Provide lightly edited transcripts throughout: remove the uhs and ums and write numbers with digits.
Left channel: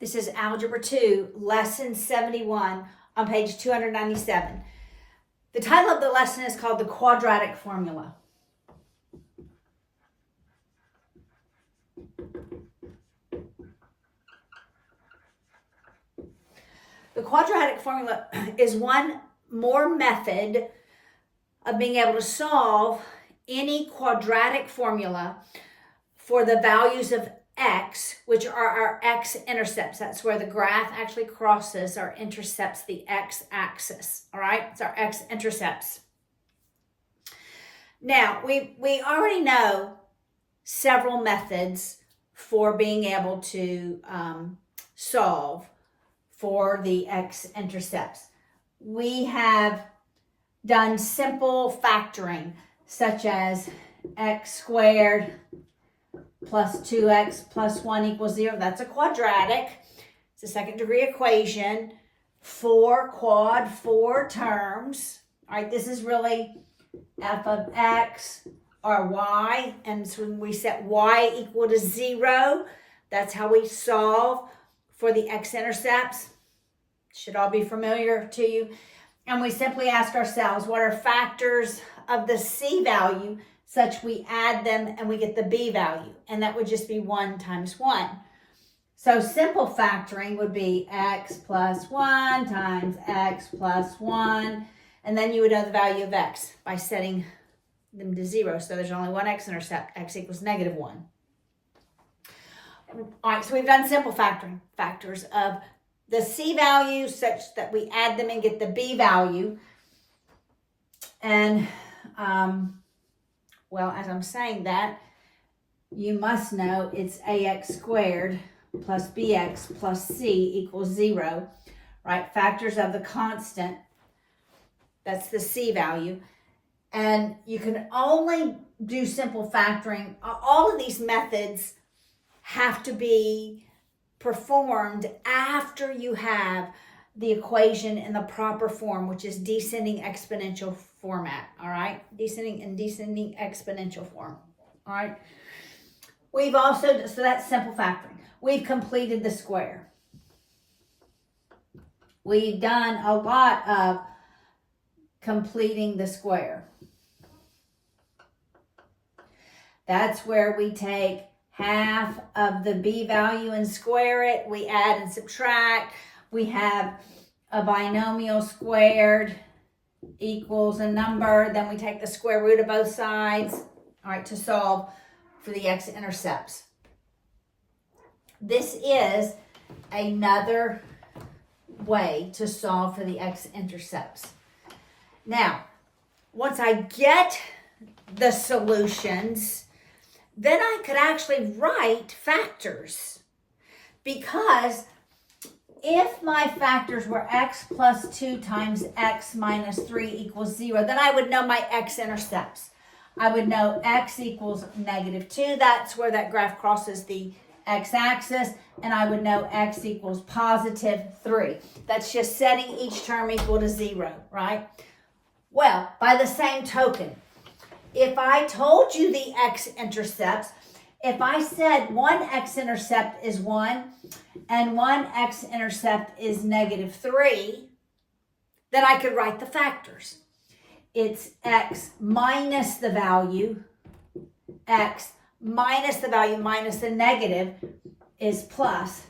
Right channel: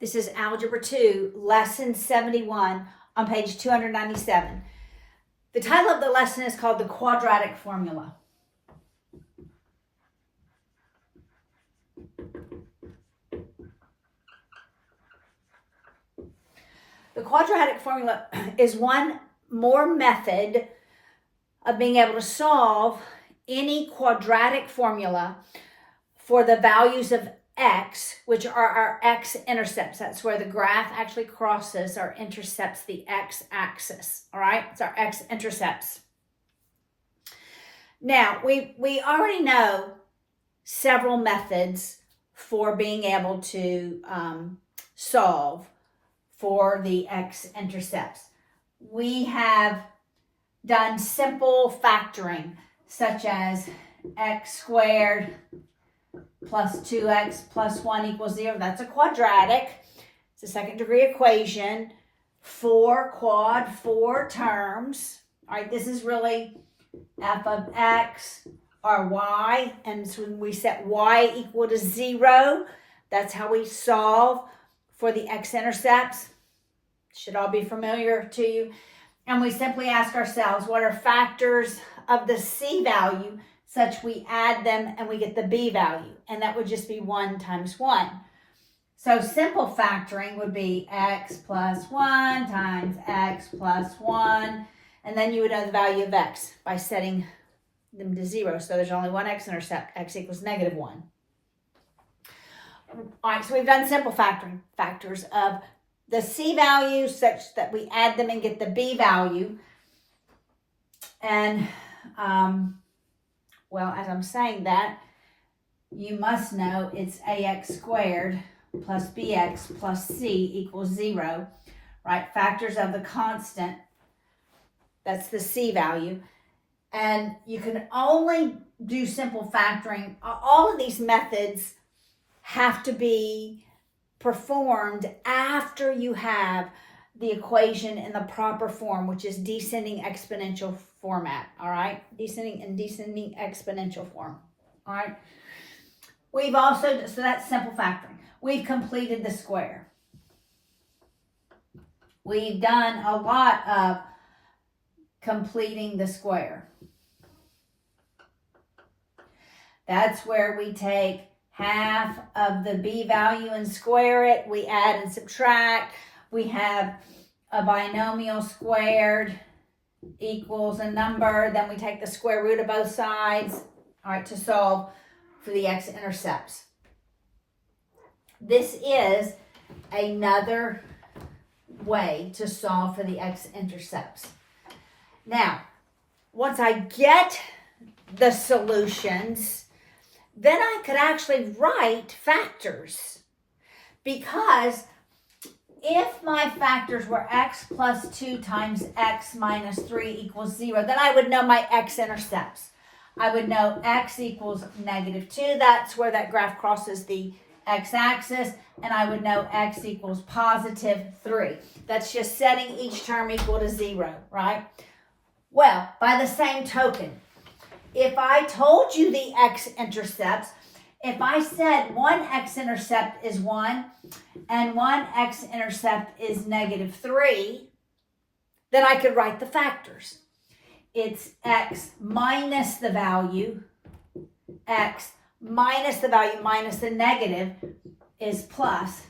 This is Algebra 2, Lesson 71 on page 297. The title of the lesson is called the quadratic formula. The quadratic formula is one more method of being able to solve any quadratic formula for the values of x, which are our x-intercepts. That's where the graph actually crosses or intercepts the x-axis, all right? It's our x-intercepts. Now, we already know several methods for being able to solve for the x-intercepts. We have done simple factoring, such as x squared plus 2x plus 1 equals 0. That's a quadratic. It's a second degree equation. 4 quad, 4 terms. All right, this is really f of x or y. And so when we set y equal to 0, that's how we solve for the x-intercepts. Should all be familiar to you. And we simply ask ourselves, what are factors of the c value such we add them and we get the b value? And that would just be 1 times 1. So simple factoring would be x plus 1 times x plus 1. And then you would know the value of x by setting them to 0. So there's only one x-intercept, x equals negative 1. All right, so we've done simple factoring, factors of the c value such that we add them and get the b value. And, well, as I'm saying that, you must know it's ax squared plus bx plus c equals 0, right? Factors of the constant, that's the c value. And you can only do simple factoring. All of these methods have to be performed after you have the equation in the proper form, which is descending exponential format, all right? Descending exponential form, all right? We've also, so that's simple factoring. We've completed the square. We've done a lot of completing the square. That's where we take half of the b value and square it. We add and subtract. We have a binomial squared equals a number. Then we take the square root of both sides, all right, to solve for the x-intercepts. This is another way to solve for the x-intercepts. Now, once I get the solutions, then I could actually write factors, because if my factors were x plus 2 times x minus 3 equals 0, then I would know my x-intercepts. I would know x equals negative 2. That's where that graph crosses the x-axis. And I would know x equals positive 3. That's just setting each term equal to 0, right? Well, by the same token, if I told you the x-intercepts, if I said one x-intercept is 1 and one x-intercept is negative 3, then I could write the factors. It's x minus the value, x minus the value minus the negative is plus.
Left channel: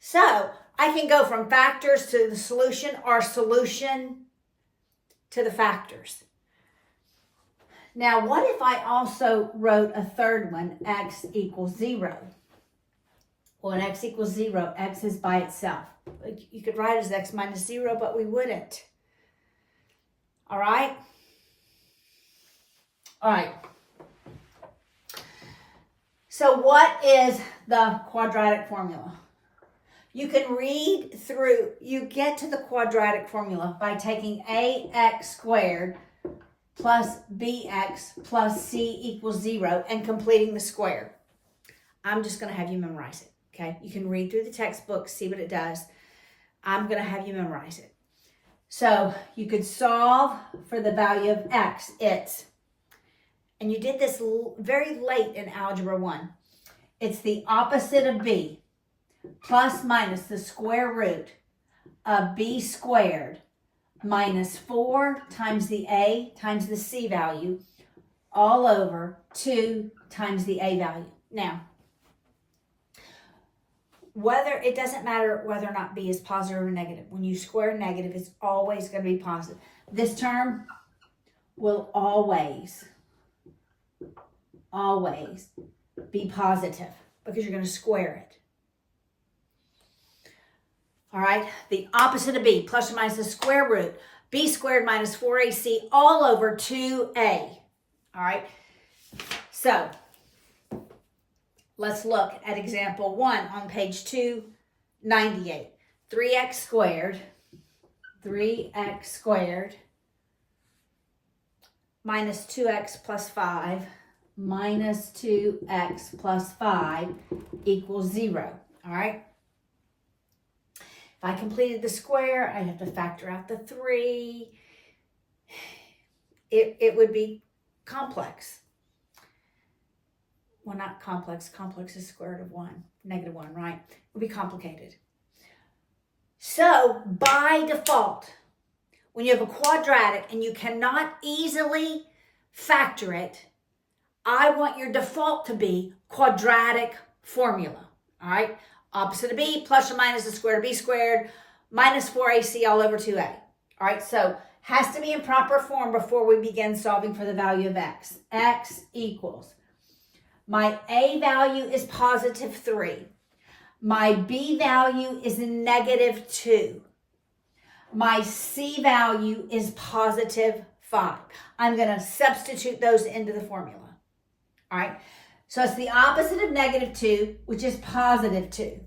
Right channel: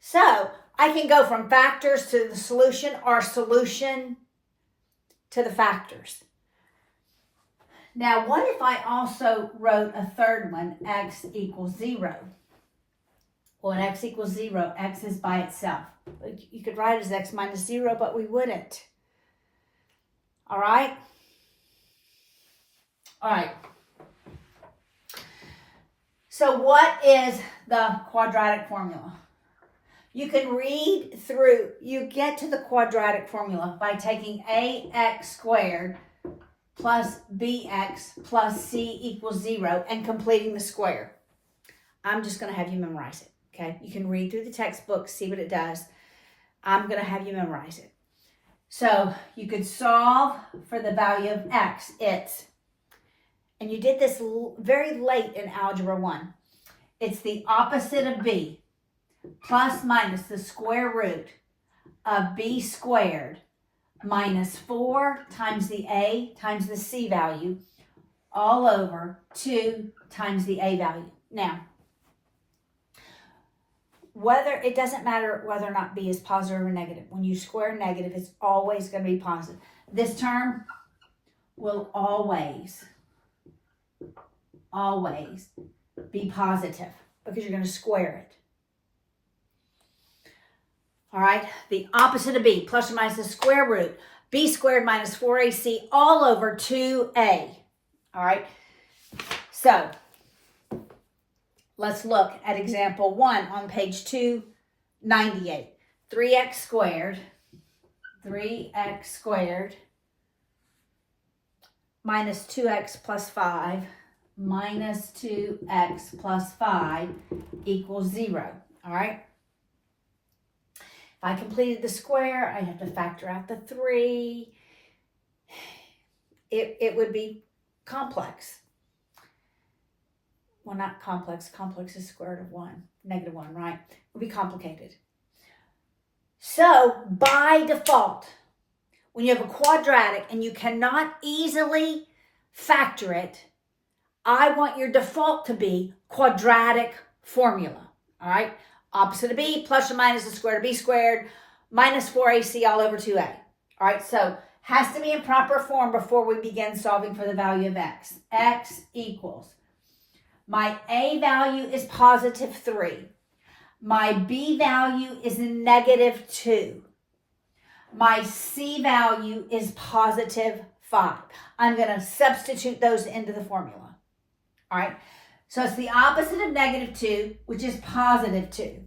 So I can go from factors to the solution or solution to the factors. Now, what if I also wrote a third one, x equals 0? Well, when x equals 0, x is by itself. You could write it as x minus 0, but we wouldn't. All right? All right. So what is the quadratic formula? You can read through, you get to the quadratic formula by taking ax squared plus bx plus c equals 0 and completing the square. I'm just going to have you memorize it, okay? You can read through the textbook, see what it does. I'm going to have you memorize it. So you could solve for the value of x. It's, and you did this very late in Algebra 1. It's the opposite of b. plus minus the square root of b squared minus 4 times the a times the c value all over 2 times the a value. Now, it doesn't matter whether or not b is positive or negative. When you square negative, it's always going to be positive. This term will always be positive because you're going to square it. All right, the opposite of b, plus or minus the square root, b squared minus 4ac all over 2a. All right, so let's look at example 1 on page 298. 3x squared minus 2x plus 5 minus 2x plus 5 equals 0. All right. If I completed the square, I'd have to factor out the 3. It would be complex. Well, not complex. Complex is square root of 1, negative 1, right? It would be complicated. So, by default, when you have a quadratic and you cannot easily factor it, I want your default to be quadratic formula, all right? Opposite of b, plus or minus the square root of b squared, minus 4ac all over 2a. All right, so has to be in proper form before we begin solving for the value of x. X equals, my a value is positive 3. My b value is negative 2. My c value is positive 5. I'm going to substitute those into the formula. All right. So it's the opposite of negative 2, which is positive 2,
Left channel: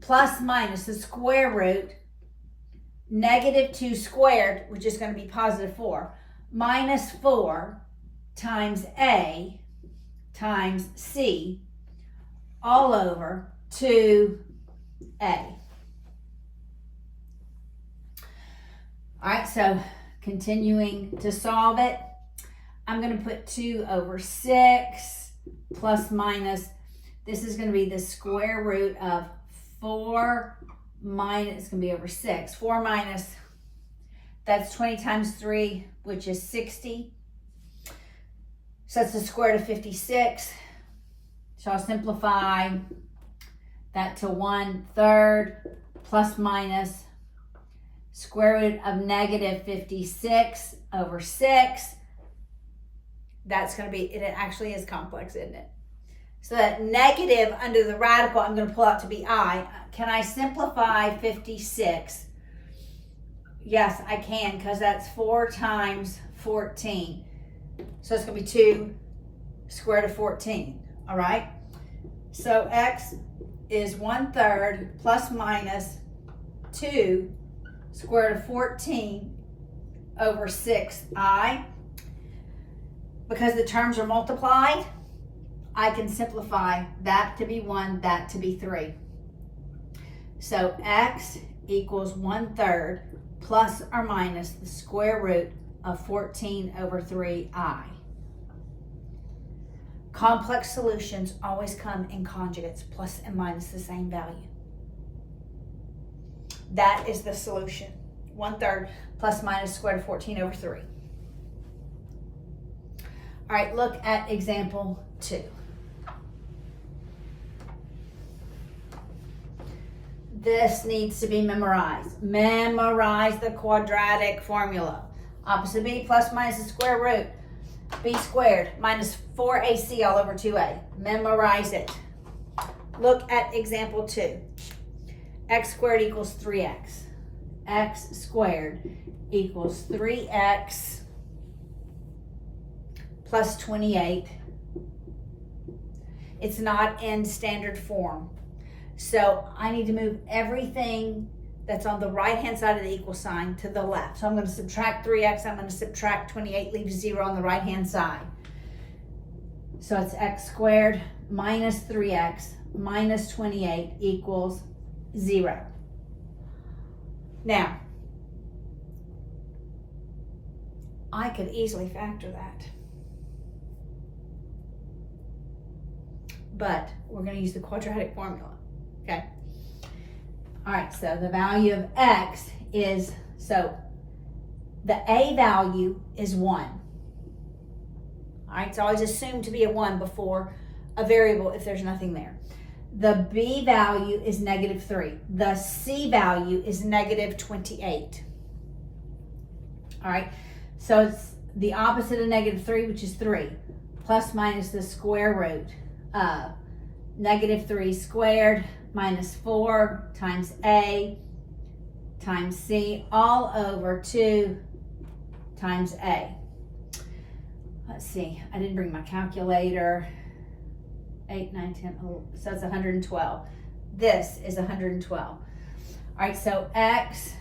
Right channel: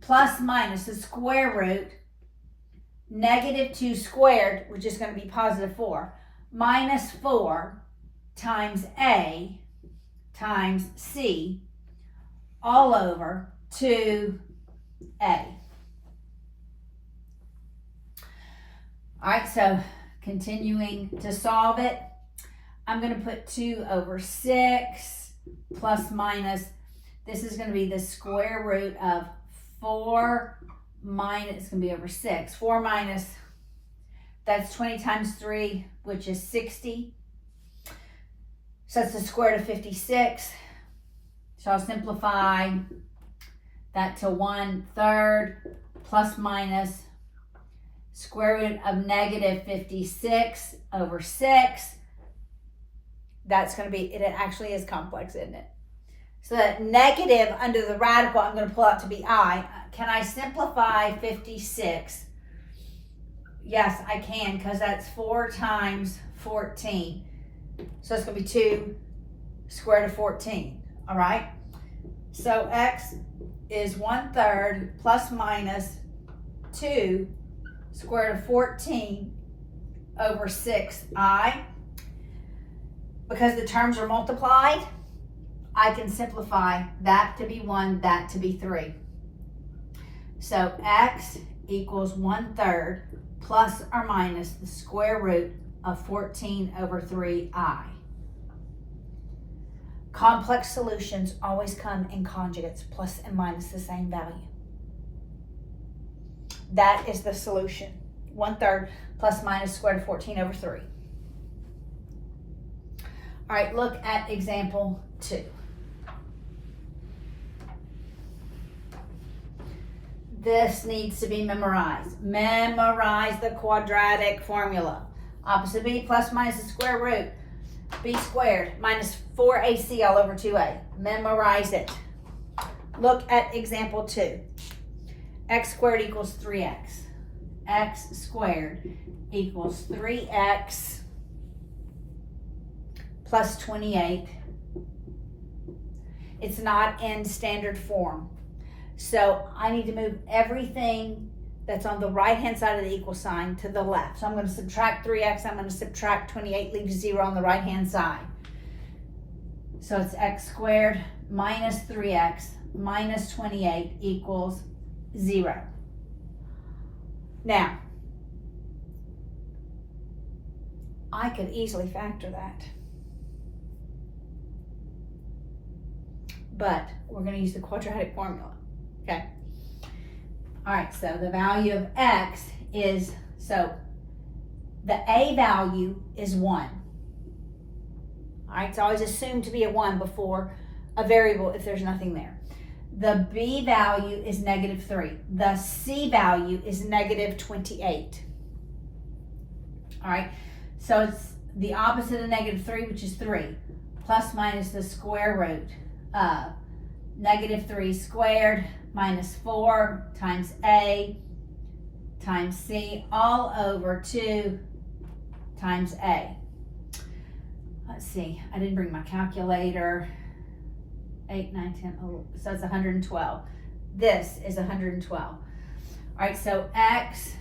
plus minus the square root, negative 2 squared, which is going to be positive 4, minus 4 times a times c all over 2a. All right, so continuing to solve it, I'm going to put 2 over 6 plus minus, this is going to be the square root of 4 minus, it's going to be over 6. 4 minus, that's 20 times 3, which is 60. So that's the square root of 56. So I'll simplify that to 1/3 plus minus square root of negative 56 over 6. That's going to be, it actually is complex, isn't it? So that negative under the radical, I'm going to pull out to be I. Can I simplify 56? Yes, I can, because that's 4 times 14. So it's going to be 2 square root of 14. All right? So x is 1/3 plus minus 2 square root of 14 over 6i. Because the terms are multiplied, I can simplify that to be 1, that to be 3. So x equals 1/3 plus or minus the square root of 14 over 3i. Complex solutions always come in conjugates, plus and minus the same value. That is the solution. 1/3 plus minus square root of 14 over 3. All right, look at example 2. This needs to be memorized. Memorize the quadratic formula. Opposite b plus minus the square root, b squared minus 4ac all over 2a. Memorize it. Look at example 2. X squared equals 3x. X squared equals 3x plus 28. It's not in standard form. So I need to move everything that's on the right-hand side of the equal sign to the left. So I'm going to subtract 3x, I'm going to subtract 28, leave 0 on the right-hand side. So it's x squared minus 3x minus 28 equals 0. Now, I could easily factor that. But we're going to use the quadratic formula. Okay. All right, so the value of x is, so the a value is 1. All right, it's always assumed to be a 1 before a variable if there's nothing there. The b value is -3. The c value is -28. All right, so it's the opposite of -3, which is 3, plus minus the square root of -3 squared minus 4 times a times c all over 2 times a. Let's see, I didn't bring my calculator. 8, 9, 10, oh, so it's 112. This is 112. All right, so x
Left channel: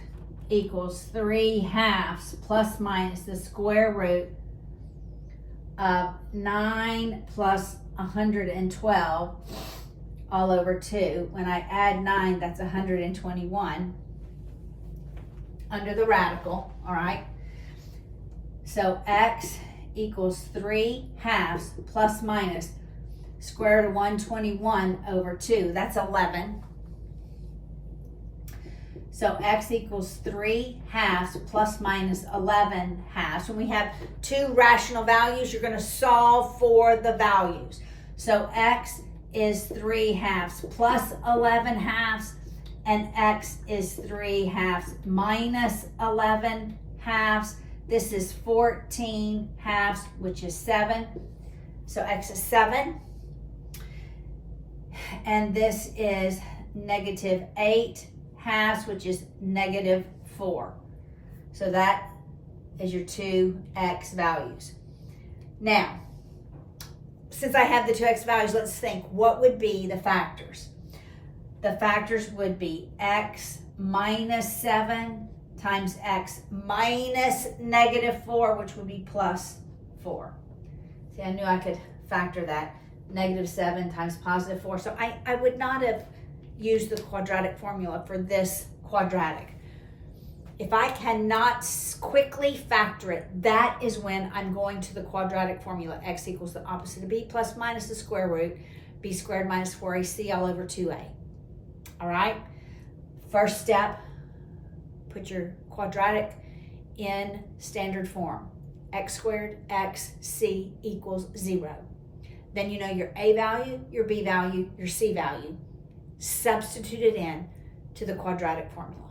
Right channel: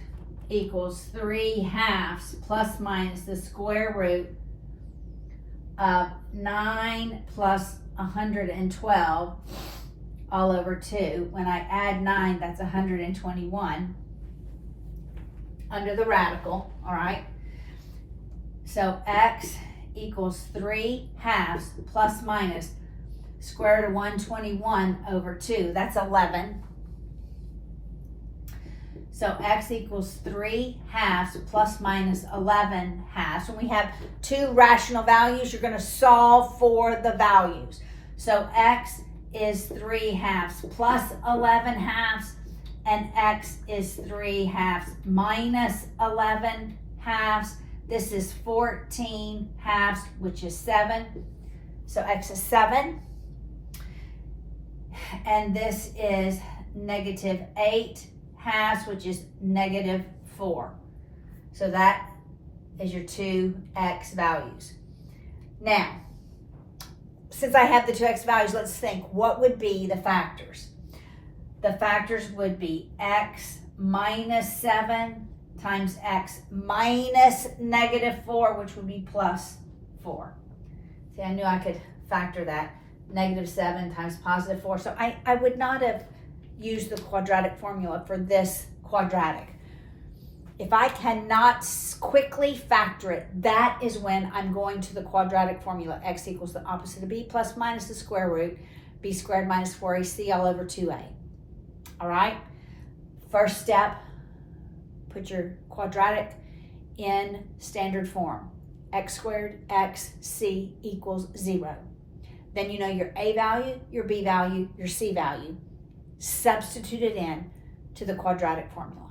equals 3/2 plus minus the square root of 9 plus 112 all over 2. When I add 9, that's 121 under the radical, all right? So x equals 3/2 plus minus square root of 121 over 2. That's 11. So x equals 3/2 plus minus 11/2. When we have two rational values, you're going to solve for the values. So x is 3/2 plus 11/2, and x is 3/2 minus 11/2. This is 14/2, which is 7. So x is 7. And this is -8/2, which is -4. So that is your two x values. Now, since I have the two x values, let's think, what would be the factors? The factors would be x minus 7 times x minus -4, which would be plus 4. See, I knew I could factor that. -7 times +4. So I would not have used the quadratic formula for this quadratic. If I cannot quickly factor it, that is when I'm going to the quadratic formula. X equals the opposite of b plus minus the square root, b squared minus 4ac all over 2a. All right? First step, put your quadratic in standard form. X squared x c equals 0. Then you know your a value, your b value, your c value. Substitute it in to the quadratic formula.